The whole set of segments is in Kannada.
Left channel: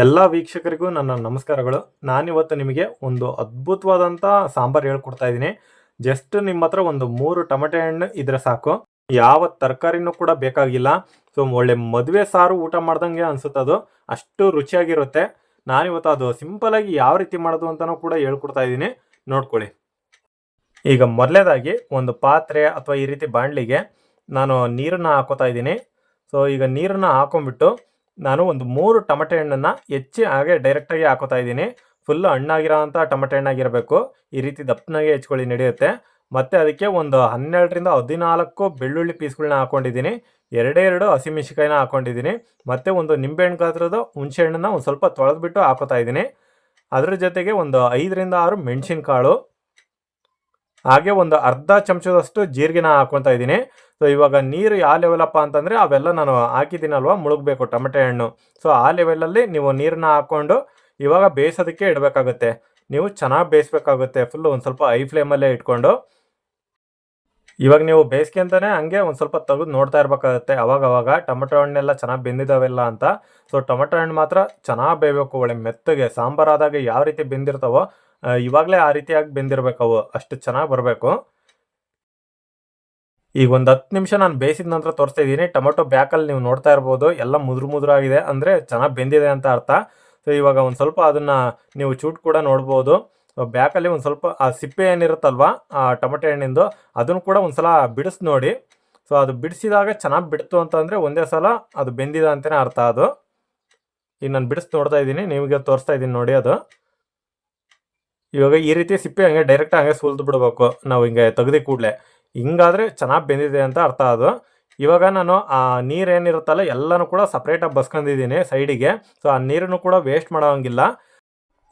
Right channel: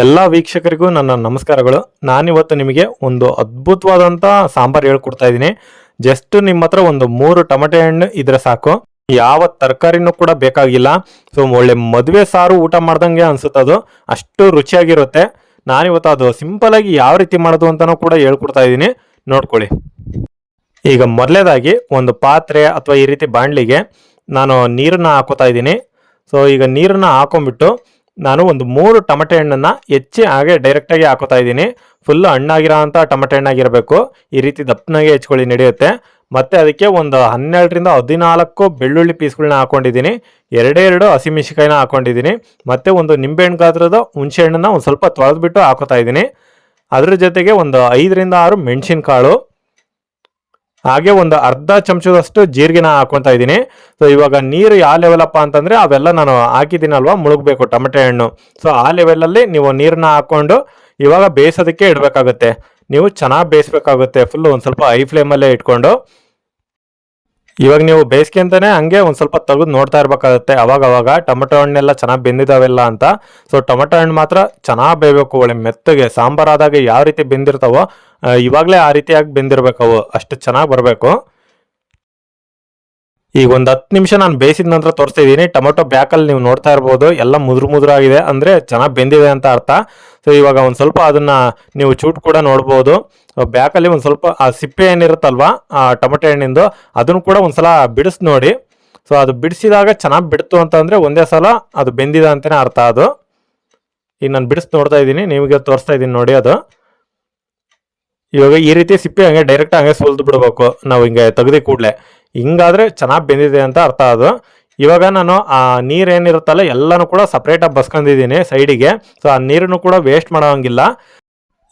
ಎಲ್ಲ ವೀಕ್ಷಕರಿಗೂ ನನ್ನ ನಮಸ್ಕಾರಗಳು. ನಾನಿವತ್ತು ನಿಮಗೆ ಒಂದು ಅದ್ಭುತವಾದಂಥ ಸಾಂಬಾರು ಹೇಳ್ಕೊಡ್ತಾ ಇದ್ದೀನಿ. ಜಸ್ಟ್ ನಿಮ್ಮ ಹತ್ರ ಒಂದು ಮೂರು ಟೊಮೆಟೊ ಹಣ್ಣು ಇದ್ರೆ ಸಾಕು. ಯಾವ ತರಕಾರಿನೂ ಕೂಡ ಬೇಕಾಗಿಲ್ಲ. ಸೊ, ಒಳ್ಳೆ ಮದುವೆ ಸಾರು ಊಟ ಮಾಡ್ದಂಗೆ ಅನ್ಸುತ್ತೆ ಅದು. ಅಷ್ಟು ರುಚಿಯಾಗಿರುತ್ತೆ. ನಾನಿವತ್ತು ಅದು ಸಿಂಪಲ್ ಆಗಿ ಯಾವ ರೀತಿ ಮಾಡೋದು ಅಂತಲೂ ಕೂಡ ಹೇಳ್ಕೊಡ್ತಾ ಇದ್ದೀನಿ. ನೋಡ್ಕೊಳ್ಳಿ. ಈಗ ಮೊದಲೇದಾಗಿ ಒಂದು ಪಾತ್ರೆ ಅಥವಾ ಈ ರೀತಿ ಬಾಣಲಿಗೆ ನಾನು ನೀರನ್ನ ಹಾಕೋತಾ ಇದ್ದೀನಿ. ಸೊ, ಈಗ ನೀರನ್ನ ಹಾಕೊಂಡ್ಬಿಟ್ಟು ನಾನು ಒಂದು ಮೂರು ಟಮಟೆ ಹಣ್ಣನ್ನು ಹೆಚ್ಚಿ ಹಾಗೆ ಡೈರೆಕ್ಟಾಗಿ ಹಾಕೋತಾ ಇದ್ದೀನಿ. ಫುಲ್ ಹಣ್ಣಾಗಿರೋ ಅಂತ ಟಮಟೆ ಹಣ್ಣಾಗಿರಬೇಕು. ಈ ರೀತಿ ದಪ್ಪನಾಗೆ ಹೆಚ್ಕೊಳ್ಳಿ, ನಡೆಯುತ್ತೆ. ಮತ್ತು ಅದಕ್ಕೆ ಒಂದು ಹನ್ನೆರಡರಿಂದ ಹದಿನಾಲ್ಕು ಬೆಳ್ಳುಳ್ಳಿ ಪೀಸ್ಗಳನ್ನ ಹಾಕೊಂಡಿದ್ದೀನಿ. ಎರಡೇ ಎರಡು ಹಸಿಮೆಣಸಿಕಾಯಿನ ಹಾಕೊಂಡಿದ್ದೀನಿ. ಮತ್ತು ಒಂದು ನಿಂಬೆಹಣ್ಣು ಗಾತ್ರದ ಹುಣಸೆ ಹಣ್ಣನ್ನು ಒಂದು ಸ್ವಲ್ಪ ತೊಳೆದ್ಬಿಟ್ಟು ಹಾಕೋತಾ ಇದ್ದೀನಿ. ಅದ್ರ ಜೊತೆಗೆ ಒಂದು ಐದರಿಂದ ಆರು ಮೆಣಸಿನಕಾಳು. ಹಾಗೆ ಒಂದು ಅರ್ಧ ಚಮಚದಷ್ಟು ಜೀರಿಗೆನ ಹಾಕೊತಾ ಇದ್ದೀನಿ. ಸೊ ಇವಾಗ ನೀರು ಯಾವ ಲೆವೆಲಪ್ಪ ಅಂತಂದ್ರೆ ಅವೆಲ್ಲ ನಾನು ಹಾಕಿದ್ದೀನಲ್ವಾ? ಮುಳುಗಬೇಕು ಟೊಮೆಟೊ ಹಣ್ಣು. ಸೊ ಆ ಲೆವೆಲಲ್ಲಿ ನೀವು ನೀರನ್ನ ಹಾಕೊಂಡು ಇವಾಗ ಬೇಯಿಸೋದಕ್ಕೆ ಇಡಬೇಕಾಗುತ್ತೆ. ನೀವು ಚೆನ್ನಾಗಿ ಬೇಯಿಸ್ಬೇಕಾಗುತ್ತೆ. ಫುಲ್ ಒಂದು ಸ್ವಲ್ಪ ಹೈ ಫ್ಲೇಮಲ್ಲೇ ಇಟ್ಕೊಂಡು. ಇವಾಗ ನೀವು ಬೇಯಿಸ್ಕೊಂತಾನೆ ಹಂಗೆ ಒಂದು ಸ್ವಲ್ಪ ತೆಗೆದು ನೋಡ್ತಾ ಇರಬೇಕಾಗುತ್ತೆ. ಅವಾಗ ಅವಾಗ ಟೊಮೆಟೊ ಹಣ್ಣೆಲ್ಲ ಚೆನ್ನಾಗಿ ಬೆಂದಿದಾವೆಲ್ಲ ಅಂತ. ಸೊ ಟೊಮೆಟೊ ಹಣ್ಣು ಮಾತ್ರ ಚೆನ್ನಾಗಿ ಬೇಯಬೇಕು. ಒಳ್ಳೆ ಮೆತ್ತಗೆ ಸಾಂಬಾರಾದಾಗ ಯಾವ ರೀತಿ ಬೆಂದಿರ್ತಾವೋ ಇವಾಗಲೇ ಆ ರೀತಿಯಾಗಿ ಬೆಂದಿರ್ಬೇಕು ಅವು. ಅಷ್ಟು ಚೆನ್ನಾಗಿ ಬರಬೇಕು. ಈಗ ಒಂದು ಹತ್ತು ನಿಮಿಷ ನಾನು ಬೇಯಿಸಿದ ನಂತರ ತೋರಿಸ್ತಾ ಇದ್ದೀನಿ. ಟೊಮೆಟೊ ಬ್ಯಾಕಲ್ಲಿ ನೀವು ನೋಡ್ತಾ ಇರ್ಬೋದು. ಎಲ್ಲ ಮುದ್ರು ಮುದ್ರ ಆಗಿದೆ ಅಂದರೆ ಚೆನ್ನಾಗಿ ಬೆಂದಿದೆ ಅಂತ ಅರ್ಥ. ಸೊ ಇವಾಗ ಒಂದು ಸ್ವಲ್ಪ ಅದನ್ನ ನೀವು ಚೂಟ್ ಕೂಡ ನೋಡ್ಬೋದು. ಬ್ಯಾಕಲ್ಲಿ ಒಂದು ಸ್ವಲ್ಪ, ಆ ಸಿಪ್ಪೆ ಏನಿರುತ್ತಲ್ವಾ ಆ ಟೊಮೆಟೊ ಹಣ್ಣಿಂದು, ಅದನ್ನು ಕೂಡ ಒಂದ್ಸಲ ಬಿಡಿಸ್ ನೋಡಿ. ಸೊ ಅದು ಬಿಡಿಸಿದಾಗ ಚೆನ್ನಾಗಿ ಬಿಡ್ತು ಅಂತಂದರೆ ಒಂದೇ ಸಲ ಅದು ಬೆಂದಿದೆ ಅಂತಲೇ ಅರ್ಥ ಅದು. ಈಗ ನಾನು ಬಿಡಿಸ್ ನೋಡ್ತಾ ಇದ್ದೀನಿ. ನಿಮಗೆ ತೋರಿಸ್ತಾ ಇದ್ದೀನಿ ನೋಡಿ ಅದು. ಇವಾಗ ಈ ರೀತಿ ಸಿಪ್ಪೆ ಹಂಗೆ ಡೈರೆಕ್ಟ್ ಹಂಗೆ ಸುಲ್ದು ಬಿಡಬೇಕು. ನಾವು ಹಿಂಗೆ ತೆಗೆದಿ ಕೂಡಲೇ. ಹಿಂಗಾದ್ರೆ ಚೆನ್ನಾಗಿ ಬೆಂದಿದೆ ಅಂತ ಅರ್ಥ ಅದು. ಇವಾಗ ನಾನು ಆ ನೀರು ಏನಿರುತ್ತಲ್ಲ, ಎಲ್ಲನೂ ಕೂಡ ಸಪ್ರೇಟಾಗಿ ಬಸ್ಕೊಂಡಿದ್ದೀನಿ ಸೈಡಿಗೆ. ಸೊ ಆ ನೀರನ್ನು ಕೂಡ ವೇಸ್ಟ್ ಮಾಡೋಂಗಿಲ್ಲ.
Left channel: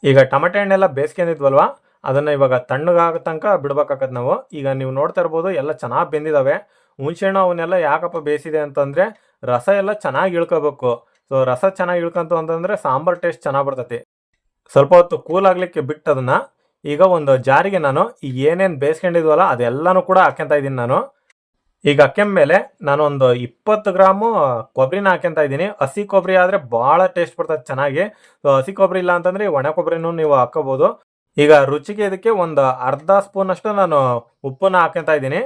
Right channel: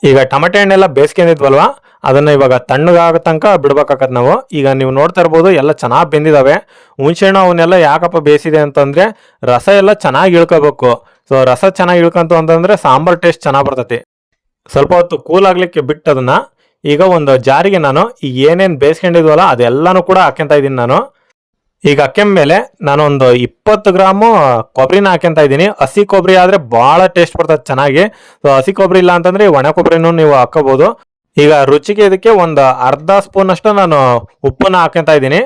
ಈಗ ಟೊಮೆಟೊ ಹಣ್ಣೆಲ್ಲ ಬೇಸ್ಕೊಂಡಿದ್ವಲ್ವ, ಅದನ್ನು ಇವಾಗ ತಣ್ಣಗಾಗೋ ತನಕ ಬಿಡ್ಬೇಕಾಗತ್ತೆ ನಾವು. ಈಗ ನೀವು ನೋಡ್ತಾ ಇರ್ಬೋದು, ಎಲ್ಲ ಚೆನ್ನಾಗಿ ಬೆಂದಿದ್ದಾವೆ ಹುಣಸೆಹಣ್ಣು ಅವನ್ನೆಲ್ಲ ಯಾಕಪ್ಪ ಬೇಯಿಸಿದೆ ಅಂತಂದರೆ, ರಸ ಎಲ್ಲ ಚೆನ್ನಾಗಿ ಇಳ್ಕೋಬೇಕು. ಸೊ ರಸ ಚೆನ್ನಾಗಿ ಇಳ್ಕೊಂತು ಅಂತಂದರೆ ಸಾಂಬಾರ್ ಟೇಸ್ಟ್ ಚೆನ್ನಾಗಿ ಬರ್ತೈತಿ. ಸ್ವಲ್ಪ ಹೊತ್ತು ಕೂಲ್ ಆಗಲಿಕ್ಕೆ ಬಿಟ್ಟು ಅದನ್ನ ಈಗ ಒಂದು ಜಾರಿಗೆ ನಾನು ಈ ಏನೇನು ಬೇಯಿಸ್ಕೊಂಡಿದ್ವಲ್ಲ ಅದೆಲ್ಲನೂ ಕೂಡ ಹಾಕ್ಯಂತ ಇದ್ದೀನಿ ನಾನು. ಈಗ ಹಾಕ್ಯಂದ ಮೇಲೆ ನಾನು ಒಂದು ಇಪ್ಪತ್ತು ಗ್ರಾಮು ಕೊಬ್ಬರಿನ ಹಾಕೊಂತ ಇದ್ದೀನಿ. ಹಸಿ ಕೊಬ್ಬರಿ ಆದರೆ ಭಾಳ ಟೇಸ್ಟ್ ಬರ್ತದೆ ಚೆನ್ನಾಗಿ. ಸೊ ಹಸಿ ಕೊಬ್ಬರಿ ಇಲ್ಲ ಅಂತಂದ್ರೆ ಒಣ ಕೊಬ್ಬರಿನೂ ನೀವು ಹಾಕೋಬಹುದು ಈಗ ರುಚಿಗೆ ಇದಕ್ಕೆ ಒಂದು ಅರ್ಧ ಸ್ಪೂನ್ ಅಷ್ಟು ನಾನು ಉಪ್ಪನ್ನ ಹಾಕ್ಯಂತ ಇದ್ದೀನಿ.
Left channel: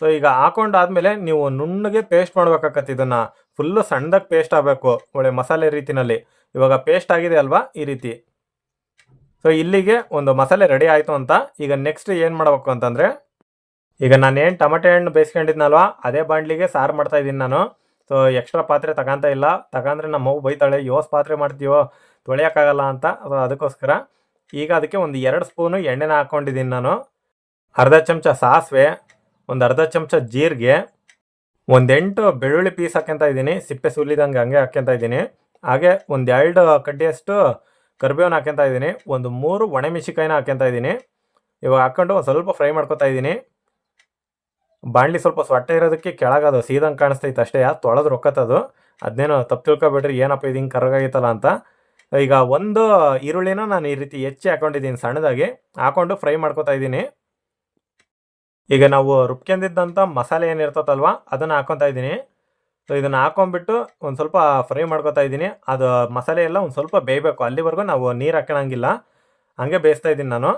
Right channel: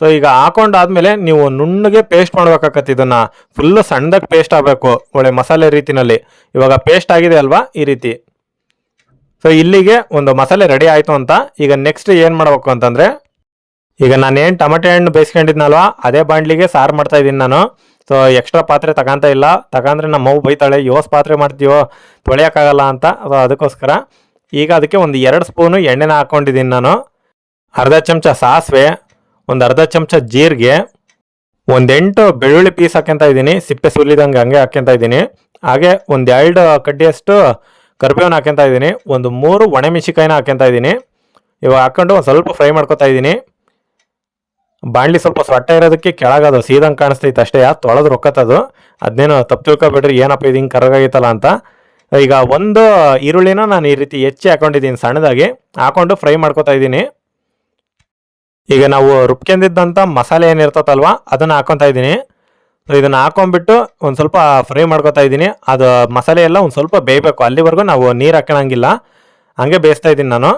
ಸೊ ಈಗ ಹಾಕೊಂಡಾದ್ಮೇಲೆ ನೀವು ನುಣ್ಣಗೆ ಪೇಸ್ಟ್ ಮಾಡ್ಬೇಕಾಗತ್ತೆ ಇದನ್ನ. ಫುಲ್ ಸಣ್ಣದಾಗಿ ಪೇಸ್ಟ್ ಆಗಬೇಕು ಒಳ್ಳೆ ಮಸಾಲೆ ರೀತಿನಲ್ಲಿ. ಇವಾಗ ಪೇಸ್ಟ್ ಆಗಿದೆ ಅಲ್ವಾ ಈ ರೀತಿ. ಸೊ ಇಲ್ಲಿಗೆ ಒಂದು ಮಸಾಲೆ ರೆಡಿ ಆಯಿತು ಅಂತ ಈಗ ನೆಕ್ಸ್ಟ್ ಏನು ಮಾಡಬೇಕು ಅಂತಂದರೆ, ಈಗ ನಾನೇನು ಟೊಮೆಟೊ ಹಣ್ಣು ಬೇಯಿಸ್ಕೊಂಡಿದ್ನಲ್ವ, ಅದೇ ಬಾಂಡ್ಲಿಗೆ ಸಾರು ಮಾಡ್ತಾ ಇದ್ದೀನಿ ನಾನು. ಸೊ ಎಕ್ಸ್ಟ್ರಾ ಪಾತ್ರೆ ತಗೊಂತ ಇಲ್ಲ. ತಗೊಂಡ್ರೆ ನಮ್ಮ ಮಗು ಬೈತಾಳೆ ಯೋಸ್ ಪಾತ್ರೆ ಮಾಡ್ತೀವೋ ತೊಳೆಯೋಕ್ಕಾಗಲ್ಲ ಅಂತ. ಸೊ ಅದಕ್ಕೋಸ್ಕರ ಈಗ ಅದಕ್ಕೆ ಒಂದು ಎರಡು ಸ್ಪೂನು ಎಣ್ಣೆನ ಹಾಕ್ಕೊಂಡಿದ್ದೀನಿ ನಾನು. ಅರ್ಧ ಚಮಚ ಸಾಸಿವೆ, ಒಂದು ಅರ್ಧ ಚಮಚ ಜೀರಿಗೆ ಒಂದೆಂಟು ಬೆಳ್ಳುಳ್ಳಿ ಪೀಸ್ ಹಾಕ್ಯಂತ ಇದ್ದೀನಿ. ಸಿಪ್ಪೆ ಸುಲಿದಂಗೆ ಹಂಗೆ ಹಾಕ್ಯಂತ ಇದ್ದೀನಿ. ಹಾಗೆ ಒಂದೆರಡು ಕಡ್ಡಿಯಷ್ಟು ಕರಿಬೇವನ್ನ ಹಾಕ್ಯಂತ ಇದ್ದೀನಿ. ಒಂದು ಮೂರು ಒಣಮೆಣಸಿಕಾಯಿನ ಹಾಕ್ಯಂತ ಇದ್ದೀನಿ. ಇವಾಗ ಹಾಕ್ಕೊಂಡು ಒಂದು ಸ್ವಲ್ಪ ಫ್ರೈ ಮಾಡ್ಕೊತಾ ಇದ್ದೀನಿ. ಬಾಣಲಿ ಸ್ವಲ್ಪ ಸೊಟ್ಟ ಇರೋದಕ್ಕೆ ಕೆಳಗದು ಸೀದಂಗೆ ಕಾಣಿಸ್ತೈತೆ ಅಷ್ಟೇ, ತೊಳೆದು ರೊಕ್ಕತ್ತದು ಅದನ್ನೇನು ತಪ್ಪು ತಿಳ್ಕೊಬೇಡ್ರಿ, ಏನಪ್ಪ ಇದು ಹಿಂಗೆ ಕರಗಾಗಿತ್ತಲ್ಲ ಅಂತ. ಈಗ ಒಂದು ಈರುಳ್ಳಿನ ನಾನು ಈ ರೀತಿ ಹೆಚ್ಚಿ ಹಾಕೊಂಡಿದ್ದೀನಿ ಸಣ್ಣದಾಗಿ. ಹಾಕೊಂಡು ಫ್ರೈ ಮಾಡ್ಕೊತಾ ಇದ್ದೀನಿ. ಈಗ ನಾವು ರುಬ್ಕೊಂಡಿದ್ದಂಥ ಮಸಾಲೆ ಏನಿರ್ತದಲ್ವ ಅದನ್ನು ಹಾಕೊತಾ ಇದ್ದೀನಿ. ಸೊ ಇದನ್ನು ಹಾಕೊಂಡ್ಬಿಟ್ಟು ಒಂದು ಸ್ವಲ್ಪ ಫ್ರೈ ಮಾಡ್ಕೊತಾ ಇದ್ದೀನಿ. ಅದು ಮಸಾಲೆ ಎಲ್ಲ ಒಂದು ಸ್ವಲ್ಪ ಬೇಯಬೇಕು. ಅಲ್ಲಿವರೆಗೂ ನಾವು ನೀರು ಹಾಕೋಣಂಗಿಲ್ಲ ಹಂಗೆ ಬೇಯಿಸ್ತಾ ಇದ್ದೀನಿ ನಾನು.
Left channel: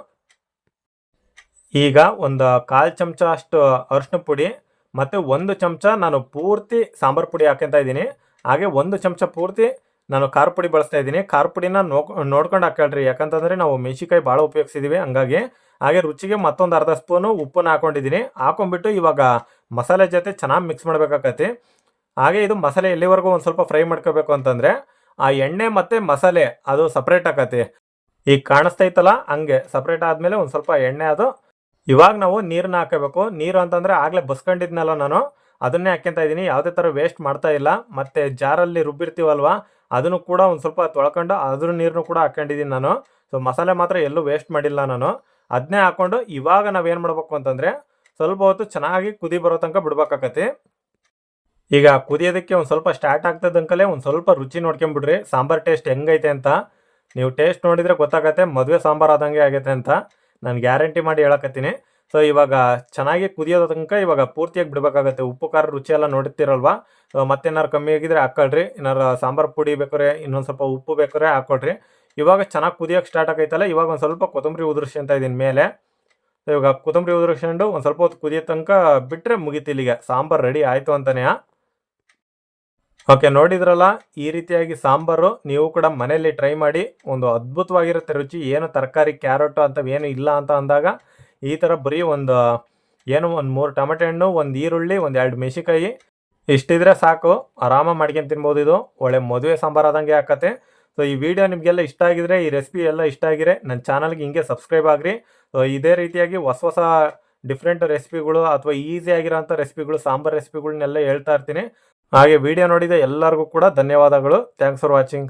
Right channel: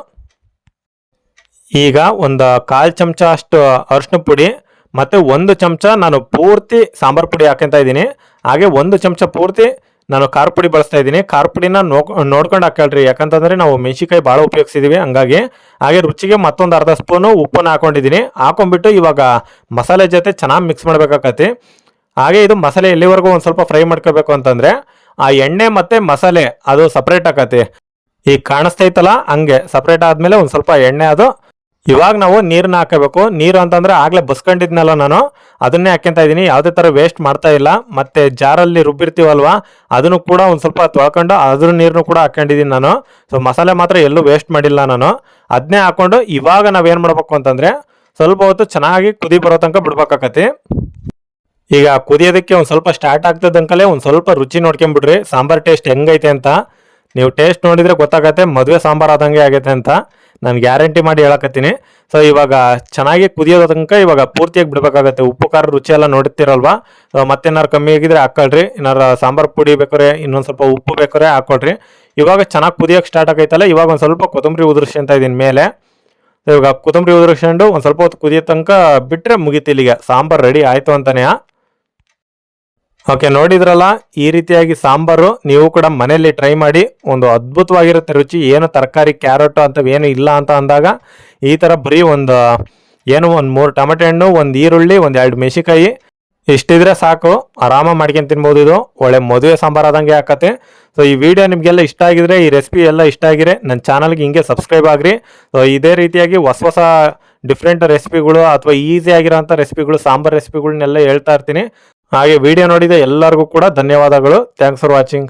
ಈಗ ಒಂದು ಕಾಲು ಚಮಚ ಅಷ್ಟು ಅರಿಶಿನ ಪುಡಿ ಮತ್ತು ಒಂದು ಚಮಚ ನಾನು ಪೂರ್ತಿ ಸಾಂಬಾರು ಪುಡಿ ಹಾಕೊಂತ ಇದ್ದೀನಿ. ಹಾಗೆ ಒಂದು ಚಮಚ ಪೂರ್ತಿ ನಾನು ಖಾರ ಪುಡಿ ಬಳಸ್ತಾ ಇದ್ದೀನಿ. ಖಾರ ಪುಡಿನ ನೋಕ್, ನೋಡ್ಕೊಂಡು ಹಾಕೊಳ್ರಿ ಯಾಕಂತಂದರೆ ನಾವು ಮೆಣಸಿಕಾಯಿ ಭಾಳ ಉಪಯೋಗಿಸಿದ್ದೀವಿ ಹಂಗಾಗಿ. ಹಾಗೆ ರುಚಿಗೆ ಮತ್ತೊಂದು ಅರ್ಧ ಸ್ಪೂನು ಉಪ್ಪನ್ನು ಹಾಕೊಂಡಿದ್ದೀನಿ. ಹಾಕೊಂಡ್ಬಿಟ್ಟು ಇವಾಗ ಮಸಾಲೆ ಜೊತೆ ಚೆನ್ನಾಗಿ ಮಿಕ್ಸ್ ಮಾಡ್ಬೇಕಾಕತಿ ಹಾಗೆ ಇದು ಮಸಾಲೆ ಎಲ್ಲಿವರೆಗೂ ಒಂದು ಸ್ವಲ್ಪ ಫ್ರೈ ಮಾಡ್ಕೋಬೇಕು ಅಂತಂದರೆ ಆ ಎಣ್ಣೆ ಮತ್ತು ಮಸಾಲೆ ಅದು ಸಪ್ರೇಟ್ ಆಕತಿ. ಈಗ ಕಾಣಿಸ್ತೈತಲ್ಲ, ಹಂಗೆ ಸಪ್ರೇಟ್ ಆದಮೇಲೆ ಒಂದು ಸ್ವಲ್ಪ ಎಣ್ಣೆ ಅದು. ಇವಾಗ ನಾವು ನೀರನ್ನ ಹಾಕಬೇಕು. ನೀರು ಅಂತಂದ್ರೆ ಆಗ್ಲೇ ಬಸ್ಕೊಂಡಿದ್ನಲ್ಲ ನಾನು. ಅದನ್ನೇ ಹಾಕ್ಯಂತ ಇದ್ದೀನಿ ಯಾವುದೇ ಥರ ವೇಸ್ಟ್ ಮಾಡ್ತಾ ಇಲ್ಲ. ಮತ್ತೆ ಜಾರಲ್ಲಿ ರುಬ್ಬಿರ್ತೀವಲ್ವ, ಅದನ್ನು ಕೂಡ ಒಂದು ಸ್ವಲ್ಪ ತೊಳ್ಕೊಂಡು ಅದ್ರ ನೀರನ್ನು ಕೂಡ ಹಾಕೊಂಡಿದ್ದೀನಿ ನಾನು. ಸೊ ಮಸಾಲೆ ಮಾತ್ರ ಎಲ್ಲೂ ವೇಸ್ಟ್ ಮಾಡಿಲ್ಲ ನಾನು. ಅದನ್ನೇ ಹಾಕ್ಕೊಂಡು ಇವಾಗ ನಾವೇನು ಮಾಡಬೇಕು ಅಂತಂದರೆ ಸ್ವಲ್ಪ ಹೊತ್ತು ಚೆನ್ನಾಗಿ ಕುದಿ ಬರೋ ತನಕ ಬಿಡ್ಬೇಕಾಕತಿ. ಈಗ ಕುದಿಯೋದಕ್ಕೆ ಒಂದು ಸ್ವಲ್ಪ ಸ್ಟಾರ್ಟ್ ಆಗ್ತದಂಕಲೇ ಒಂದು ಸ್ವಲ್ಪ ರುಚಿ ನೋಡ್ಕೊಂಬಿಡ್ರಿ. ಸಾಂಬಾರ್ ಟೇಸ್ಟ್ ಹೆಂಗೈತೆ ಅಂತ. ನೀವು ಟೇಸ್ಟ್ ನೋಡಿದರೆ ಗೊತ್ತಾಗತ್ತೆ, ಮದುವೆ ಸಾಂಬಾರ್ ಆದಂಗೆ ಆಗೈತೆ ಅಂತ. ನಾನು ಗ್ಯಾರಂಟಿ ಮಾಡಿ ಹೇಳಕತ್ತೀನಿ. ಸೊ ಇವಾಗ ಚೆನ್ನಾಗಿ ಕುದಿಯೋದಂಕ ತನಕ ಇವಾಗ ಪೂರ್ತಿಯಾಗಿ ಬಿಡಬೇಕಾಗತ್ತೆ. ಉಪ್ಪು, ಖಾರ, ರುಚಿ ಎಲ್ಲ ನೋಡುತ್ತಿರಲ್ವಾ ಮತ್ತೇನಾರು ಕಮ್ಮಿ ಆಗಿದ್ರೆ ಹಾಕೊಳ್ರಿ. ಏನಾರು ಸಾಂಬಾರು ಪುಡಿ ಬೇಕಾರೆ, ಇನ್ನೊಂದು ಸ್ವಲ್ಪ ಉಪ್ಪು ಬೇಕಾರೆ ಹಾಕೊಳ್ರಿ. ಇವಾಗ ಚೆನ್ನಾಗಿ ಕುದಿಯೋಕೆ ಸ್ಟಾರ್ಟ್ ಆಗೈತಲ್ಲ, ಇವಾಗ ಒಂದು ಸ್ವಲ್ಪ ಕೊತ್ತಂಬರಿ ಉದುರ್ಸ್ಕೊಂತ ಇದೀನಿ ಮೇಲೆ. ಇವಾಗ ಕೊತ್ತಂಬರಿ ಉದುರಿಸ್ಕೊಂಡು ಒಂದು ಸ್ವಲ್ಪ ಹೊತ್ತು ಕುದಿಯೋ ತನಕ ಬಿಟ್ಟರೆ ಮುಗೀತು ಇಲ್ಲಿಗೆ. ಸಾಂಬಾರು ರೆಡಿ ಆಯಿತು ಅಂತಾನೆ. ಓಕೆ ನೋಡಿದ್ರಲ್ಲ, ಈ ರೀತಿಯಾಗಿ ಸಾಂಬಾರು ನೀವು ಕೂಡ ಮನೆಯಲ್ಲಿ ಟ್ರೈ ಮಾಡಿ, ಒಂದು ಅದ್ಭುತವಾಗಿರುತ್ತೆ ರುಚಿ, ಏನು ತರಕಾರಿ ಕ್ಯಾರೆಟ್ ಅಂತವೇನು ಇಲ್ಲ ಅಂತ ಅಂದಾಗ, ಈ ಥರ ಬರೀ ಒಂದು, ಏನು ಒಂದು ಮೂರು ಟೊಮೆಟೊ ಹಣ್ಣು, ಒಂದು ಈರುಳ್ಳಿ, ಒಂದು ಎರಡು ಮೆಣಸಿಕಾಯಿ ಇಷ್ಟಿದ್ರೆ ಸಾಕು ಆರಾಮಾಗಿ ಮಾಡ್ಕೊಂಡು ತಿನ್ಬೋದು ಇದು. ಒಳ್ಳೆ ಮದುವೆ ಸಾಂಬಾರು ಆದಂಗೆ ಹಾಕತ್ತೆ ಸೊ ಈ ವಿಡಿಯೋ ನಿಮಗೆಲ್ಲ ಇಷ್ಟ ಆಗಿದ್ರೆ, ಈ ರೆಸಿಪಿ ಎಲ್ಲ ಇಷ್ಟ ಆಗಿದ್ರೆ ನನ್ನ ಚಾನಲ್ಗೆ ಹಿಂಗೆ ಸಬ್ಸ್ಕ್ರೈಬ್ ಆಗ್ರಿ. ಸೊ ಇದೇ ರೀತಿಯಾಗಿ ಹೊಸ ಹೊಸ ಡಿಫ್ರೆಂಟ್ ರೆಸಿಪಿಗಳು ಅಥವಾ ಈಸಿ ಆಗಿರೋಂಥ ರೆಸಿಪಿಗಳು ಸಾಂಬಾರ್ ರೆಸಿಪಿಗಳನ್ನೆಲ್ಲ ಹೇಳ್ತಾ ಇರ್ತೀನಿ. ಹಾಗೆ ವಿಡಿಯೋ ನೋಡಿದ ಎಲ್ಲರಿಗೂ ಕೂಡ ಧನ್ಯವಾದಗಳು. Thanks for watching